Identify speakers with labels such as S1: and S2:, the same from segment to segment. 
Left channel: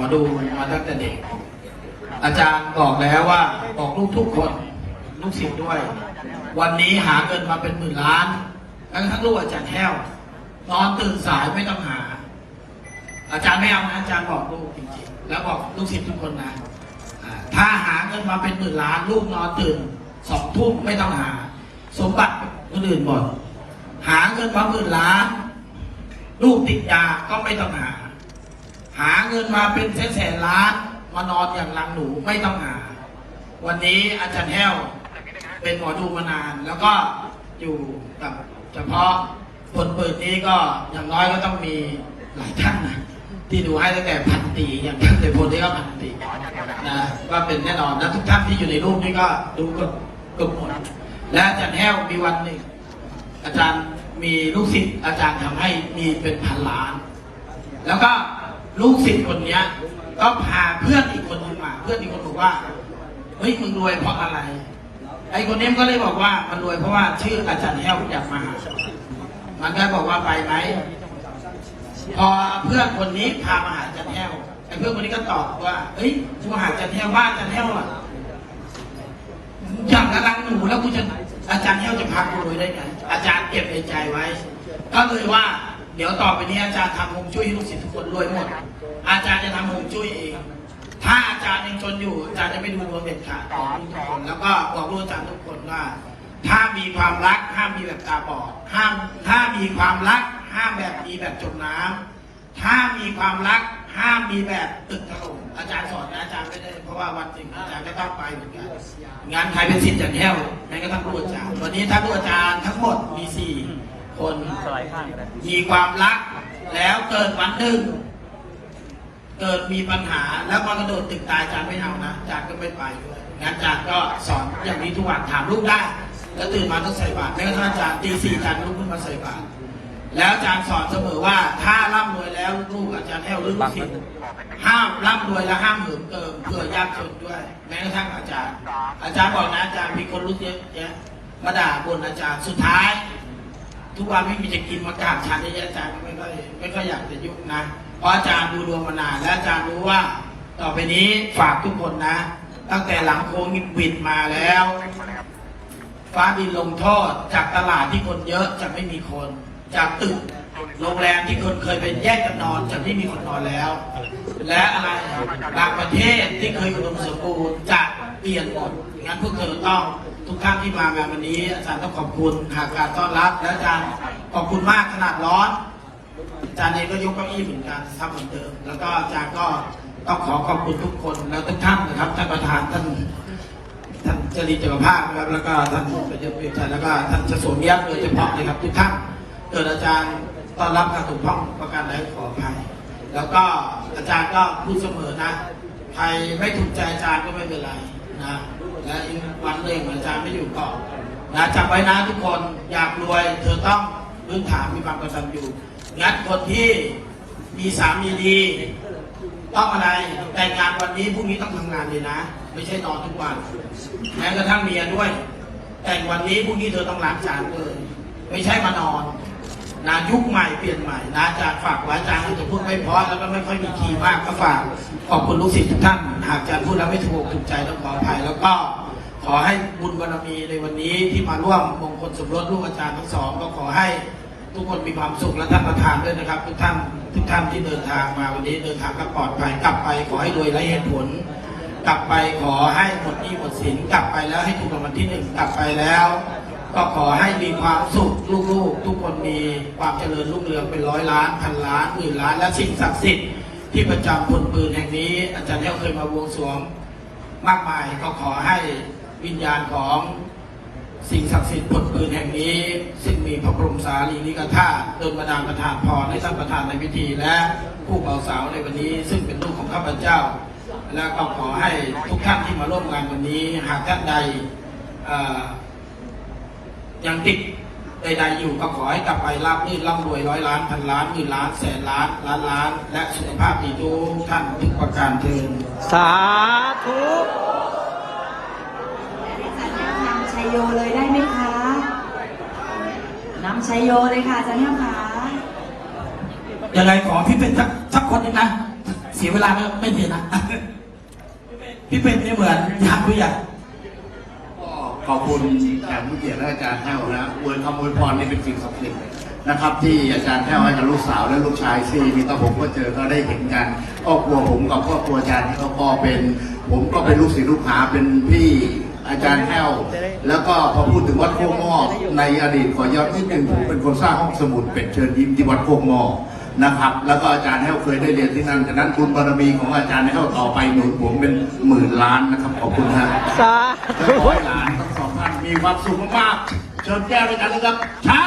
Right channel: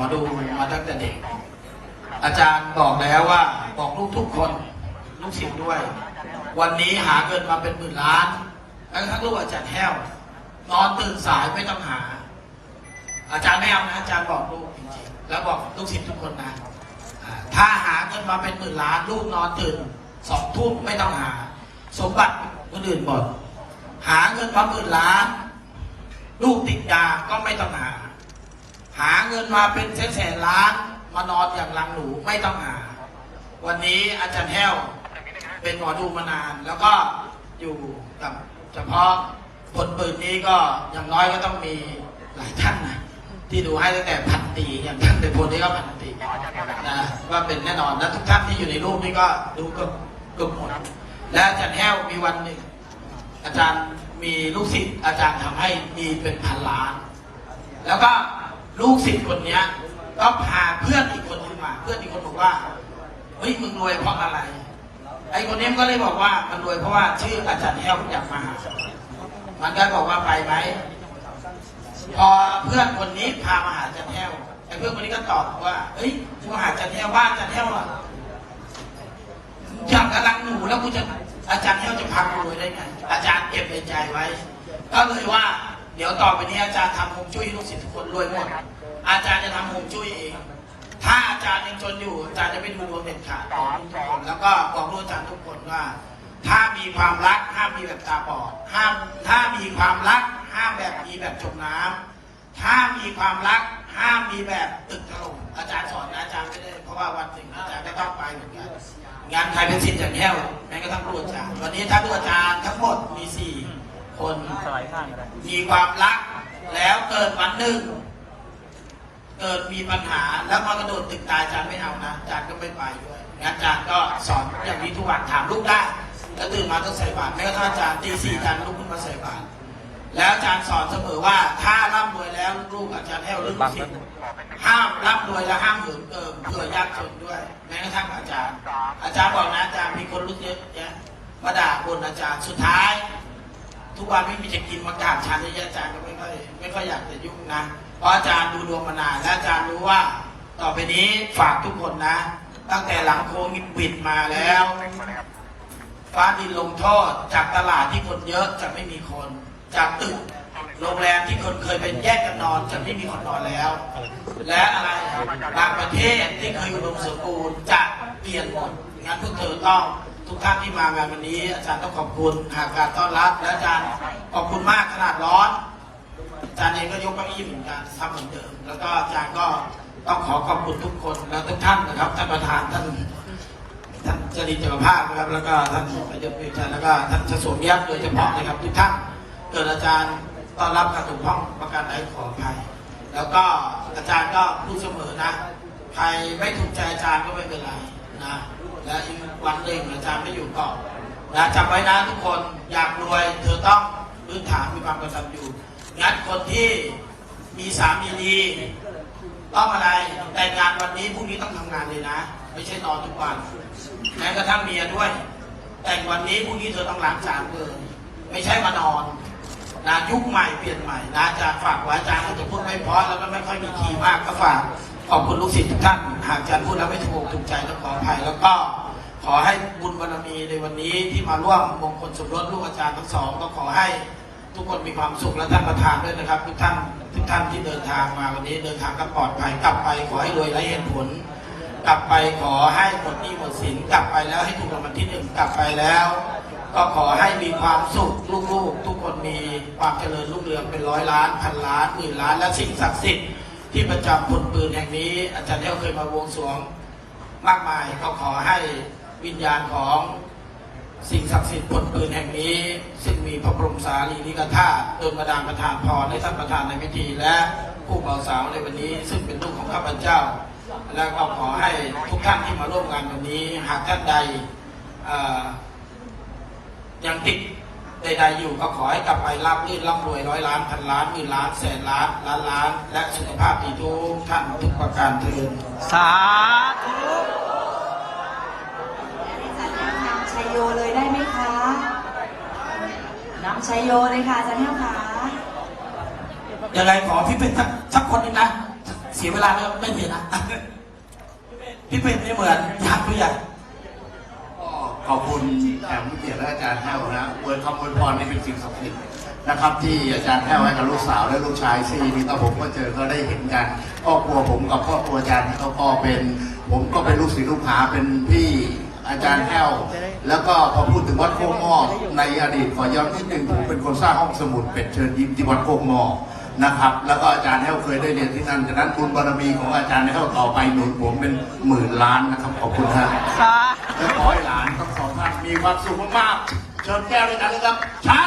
S1: อดูมาตั้งแต่เด็ก อาจารย์บอกแล้วว่าบอกลูกทุกคนลูกศิษย์ด้วย วันนี้หาเงินมาเป็นหมื่นล้านแล้วทั้งลูกอาจารย์แห้วนอนตื่นสายไม่ต้องหา อาจารย์ไม่เอานะอาจารย์บอกลูกจริงๆแล้วบอกลูกศิษย์ทุกคนนะถ้าหาเงินมาเป็นหมื่นล้านลูกนอนตื่นสองทุ่มไม่ต้องหา สมบัติคนอื่นหมดหาเงินมาหมื่นล้านลูกติดยาก็ไม่ต้องหา เงินมาเป็นแสนล้านมานอนอย่างหลังหนูไม่ต้องหา วันนี้อาจารย์แห้วเป็นหมอดูมานาน แล้วก็อยู่กับเฉพาะคนเปิดนี้ก็อย่างน้อยก็ต้องมีหลายท่านนะที่ดูให้ตั้งแต่พันปีอย่างท่านในพลนี่ก็พันปีนะก็เป็นแน่นอนและทุกท่านที่อยู่ในรูปนี้ก็ดูก็ทุกคนและอาจารย์แห้วมีวันหนึ่งอาจารย์มีลูกศิษย์อาจารย์ทำให้มีเป็นพันล้าน แล้วก็ ลูกศิษย์คนเนี้ยก็พาเพื่อนอีกคนนึงมา เพื่อนอีกคนบอกว่าเฮ้ยมึงรวยเพราะอะไร ไอ้คนนี้ก็เลยบอกว่ามันรวยเพราะว่าชื่ออาจารย์แห้วอยากมา มันก็บอกว่าไปไหมพอเพื่อนคนนี้พามาหาอาจารย์แห้วไอ้เพื่อนคนนี้ก็ตอบว่าเฮ้ยกูหาอาจารย์แห้วว่าอาจารย์แห้วอะยังกำลังหนูแล้วกูจะอาจารย์แห้วจะพากูรวยได้ไงอาจารย์เก็บในใจไว้ ก็เลยว่า เดี๋ยวต่อไปนี้อาจารย์ทำฮวงจุ้ยให้ลูกศิษย์ทุกคนรวยหมดอาจารย์จะทำฮวงจุ้ยเอง ถ้าอาจารย์ยังจนอยู่อาจารย์จะไม่ดูดวงเด็ดขาดของแล้วก็บอกลูกอาจารย์ทุกคนว่าถ้ามีความรักห้ามมีแบบตาบอดห้ามถ้ามีความรักห้ามแบบมีแบบจมน้ำถ้ามีความรักห้ามมีแบบตึกถล่มอาจารย์สอนนะอาจารย์ไม่ได้เพราะว่าวันจริงอาจารย์ไม่ต้องไปหมือกงานใครเป็นสิทธิ์อย่างแห้วแม้กระทั่งลูกอาจารย์วันนี้ถ้าลูกอาจารย์ทั้งหมดมีสี่ คน
S2: สไลด์ข้างก็ได้
S1: มีความรัก แล้วเกิดวันหนึ่งเกิดมีปัญหาแล้วก็กระโดดตึกตายอาจารย์ไม่ทำนะอาจารย์ก็ไม่ไปด้วยงั้นอาจารย์ก็สอนอย่างนี้ทุกวันถามลูกได้ แล้วตื่นมาต้องใส่บาตรแม้กระทั่งอาจารย์ตีสี่อาจารย์ลุกขึ้นมาใส่บาตรแล้วอาจารย์สอนเสมอว่าถ้าร่ำรวยแล้วลูกอาจารย์แห้วลูกศิษย์ห้ามร่ำรวยและห้ามเหิมเกินเพื่อยากจนด้วย แม้กระทั่งอาจารย์ อาจารย์บอกนะอาจารย์มีคนรู้เยอะแยะมาด่าบนอาจารย์สุดท้าย ทุกวันไม่มีจะกินมากราบฉันเลยอาจารย์ไม่ค่อยไม่ค่อยอยากจะยุ่งนะ เพราะอาจารย์ดูดวงมานานและอาจารย์รู้ว่า ต่อไปนี้ฝากทุกคนนะ ตั้งแต่หลังโควิดบิดมาแล้ว ฟ้าดินลงโทษจากตลาดที่คนเยอะจะไม่มีคน จากตึกโรงแรมที่คนเคยไปแยกกันนอนจะไม่มีคนนอนแล้ว และอะไรบางประเทศที่เคยอุดมสมบูรณ์จะเปลี่ยนหมดงั้นพวกเธอต้อง ทุกท่านที่มางานวันนี้อาจารย์ต้องขอบคุณหากการต้อนรับและอาจารย์ขอบคุณมากขนาดร้อนอาจารย์เองก็ยกเก้าอี้เหมือนกันทำเหมือนเดิมแล้วก็อาจารย์ก็ต้องขอขอบคุณทุกคนแล้วทุกท่านนะครับท่านประธานท่านท่านจริญจักรภาพนะครับแล้วก็ท่านประยุทธ์วิจัยแล้วก็ท่านจะสวมยักษ์โดยเฉพาะนะครับทุกท่านเกิดอาจารย์ต้อนรับการถูกต้องประการใดขออภัยแล้วก็อาจารย์ก็พูดเสมอนะใครไม่ถูกใจอาจารย์ก็ไม่เป็นไร นะและอีกวันหนึ่งอาจารย์ไม่อยู่ก็นะจำไว้นะทุกคนอยากรวยเธอต้องพื้นฐานมีความกตัญญูงั้นคนที่มีสามีดีต้องอะไรแต่งงานวันนี้พรุ่งนี้ต้องทำงานเลยนะ ไม่ใช่นอนทุกวันแม้กระทั่งเมียด้วย แต่งวันนี้พรุ่งนี้เธอต้องล้างจานเลย ไม่ใช่มานอน นะยุคใหม่เปลี่ยนใหม่นะจารย์ฝากไว้อาจารย์ก็จะพูดไม่เพราะแล้วก็ไม่ค่อยมีคีย์มากก็ฝากขอบคุณลูกศิษย์ทุกท่านหากอาจารย์พูดแล้วไม่ถูกถูกใจต้องขออภัยแล้วก็ขอให้บุญบารมีในวันนี้ที่มาร่วมมงคลสมรสลูกอาจารย์ทั้งสองก็ขอให้ทุกคนมีความสุขและท่านประธานด้วยนะครับ ทุกท่านทุกท่านที่เดินทางมาวันนี้เดินทางก็ปลอดภัยกลับไปขอให้รวยและเหตุผล กลับไปขอให้หมดหนี้หมดสินกลับไปแล้วให้ถูกรางวัลที่หนึ่งกลับไปแล้ว ก็ขอให้มีความสุขลูกๆ ทุกคนมีความ เจริญรุ่งเป็นร้อยล้านพันล้านหมื่นล้านและสิ่งศักดิ์สิทธิ์ที่ประจำพลปืนแห่งนี้ อาจารย์เลี้ยวเคยมาบวงสรวงมากมายก็ขอให้วิญญาณของสิ่งศักดิ์สิทธิ์บนปืนแห่งนี้ ซึ่งมีพระบรมสารีริกธาตุโดนประดานประทานพรให้ท่านประธานในพิธีและผู้เบาสาวในวันนี้ ซึ่งเป็นลูกของข้าพเจ้า และก็ขอให้ทุกท่านที่มาร่วมงานวันนี้หากท่านใดยังติด ใดๆอยู่ก็ขอให้กลับไปรับลื่นร่ำรวยร้อยล้านพันล้านหมื่นล้านแสนล้านล้านล้าน และสุขภาพดีทุกท่านทุกประการเทิน
S2: สาธุ
S3: นำชัยโยเลยได้ไหมคะนำชัยโยเลยค่ะอาจารย์ท่านค่ะ
S1: ยังไงขอพี่เป็นสักสักคนหนึงนะสียเวลาก็ไม่เปลี่ยนนะพี่ปิ่นไม่เหมือนทางผู้ใหญ่
S4: ก็ ขอบคุณแขกผู้เกียรติและอาจารย์แห้วนะอวยคำอวยพรนี่เป็นสิ่งศักดิ์สิทธิ์นะครับที่อาจารย์แห้วให้กับลูกสาวและลูกชายซีมีตาผมก็เจอก็ได้เห็นกันครอบครัวผมกับครอบครัวอาจารย์เขาก็เป็น ผมก็เป็นลูกศิษย์ลูกหาเป็นพี่อาจารย์แห้วแล้วก็พอพูดถึงวัดโคกมอในอดีตขอย้อนนิดนึงผมเป็นคนสร้างห้องสมุดเป็ดเชิญยิ้มที่วัดโคกมอนะครับแล้วก็อาจารย์แห้เคยได้เรียนที่นั่นฉะนั้นบุญบารมีของอาจารย์แห้วต่อไปหนุนผมเป็นหมื่นล้านนะครับขอบคุณครับ
S2: สา
S4: ข มีความสุขมากๆชนแก้วด้วยกันนะครับใช่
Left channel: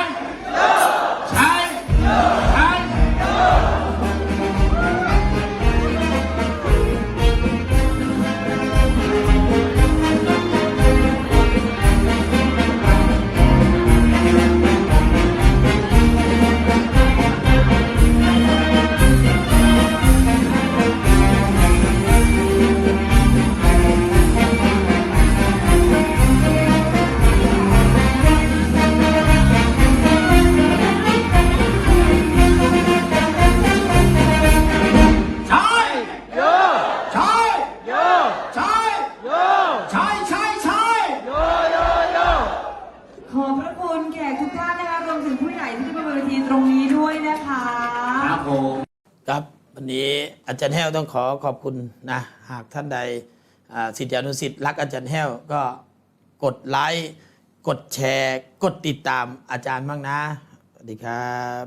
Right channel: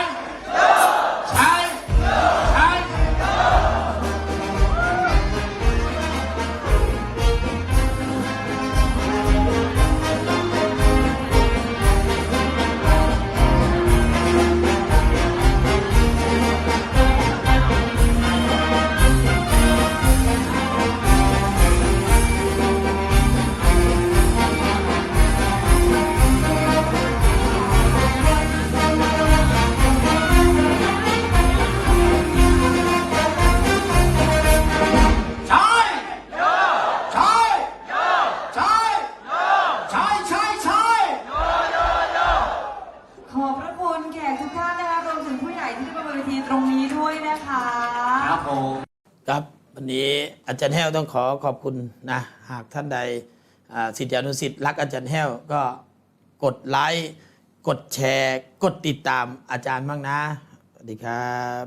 S3: วันนี้
S2: อาจารย์แห้วต้องขอขอบคุณนะหากท่านใดสิทธิอนุสิทธิ์รักอาจารย์แห้วก็กดไลค์กดแชร์ กดติดตามอาจารย์บ้างนะ สวัสดีครับ